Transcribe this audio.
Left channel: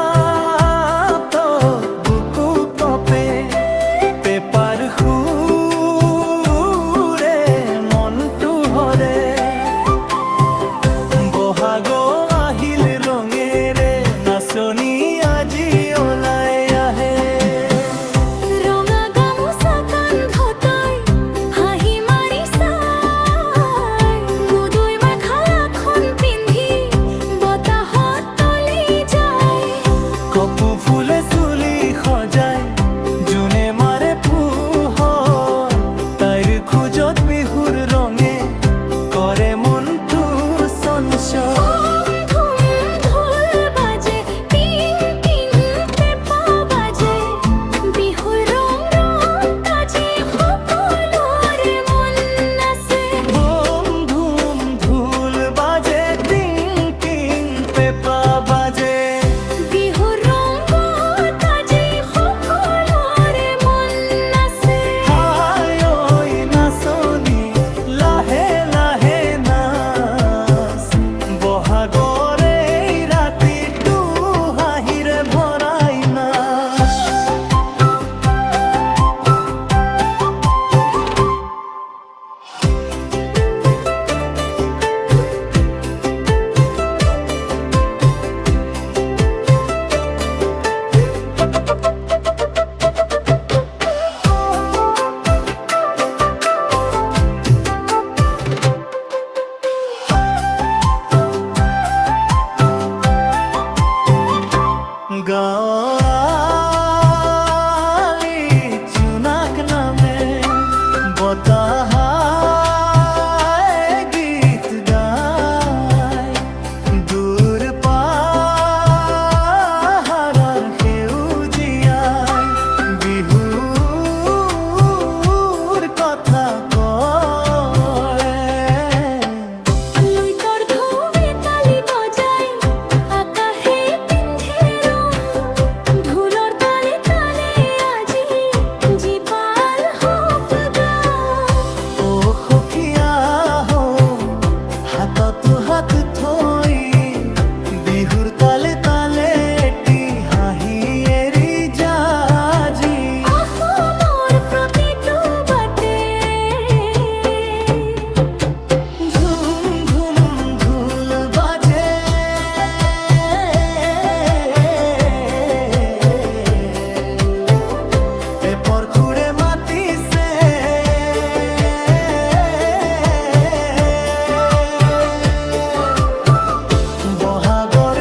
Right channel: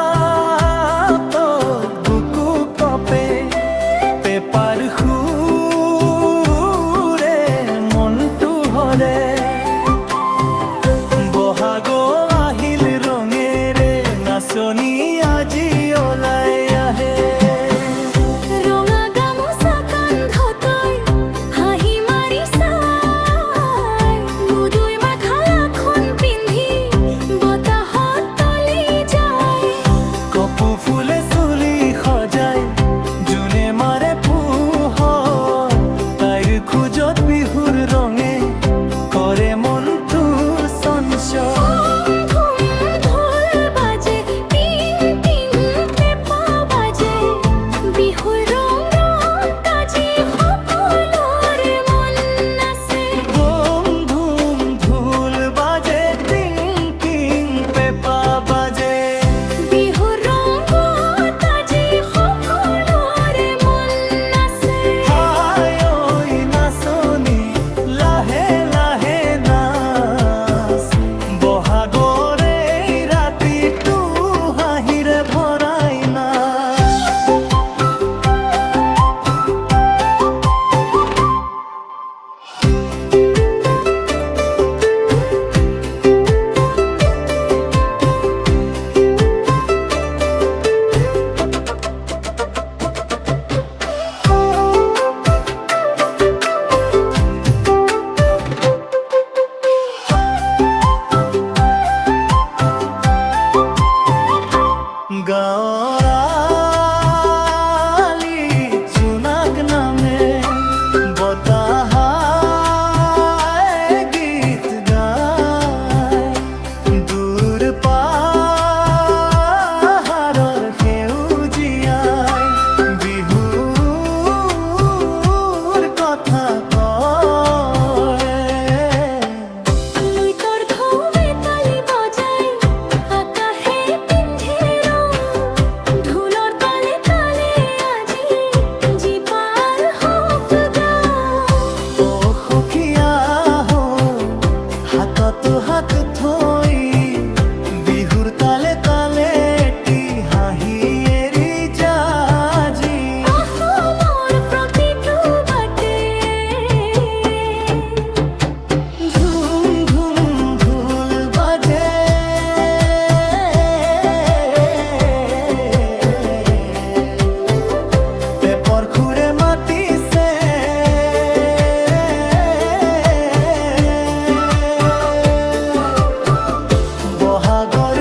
বৰষাত বুকু কপে পেপাৰ সুৰে মনটো হৰে বহাগ আহিল ৰঙেৰে নাচনি আজি ওলাই আহে ৰঙা গামোচা কান্ধতৈ হাঁহি মাৰি চাই গুদৈ মেখেলাখন পিন্ধি বতাহত তলি যায় কপৌ ফুলে চুলি সজাই জোনে মাৰে পোহৰ তাইৰ খোজত বিহুৰ ৰঙে কৰে মনটো চঞ্চল ধুম ঢোল বাজে টিং টিং পেঁপা বাজে বিহুৰ ৰং ৰং কাজি সকলোৰে মন নাচে বম ধুম ঢোল বাজে টিং টিং পেঁপা বাজে বিহুৰ ৰংত আজি সকলোৰে মন নাচে হাই ঐ নাচনি লাহে লাহে নাচ বহাগৰ এই ৰাতিটো হাঁহিৰে ভৰাই নাচ গাঁৱৰ আলিত জোনাক নামে বতাহাই গীত গায় দূৰ পাহাৰৰ সেউজীয়াই বিহুৰ কথা কয় লুইতৰ ঢৌৱে তালি বজাই আকাশে পিন্ধে ৰং ঢোলৰ তালে তালে আজি জীপাল হওক গাঁও অ সখীয়া হো হাততো হাত থৈ বিহুৰ তালে তালে এটি হাঁহি এৰি যাজি অসমৰ প্ৰতিটো বাটে ঝুম ঝুম ঢোল বাজে পেপৰ খুৰে মাতিছে বহাগৰ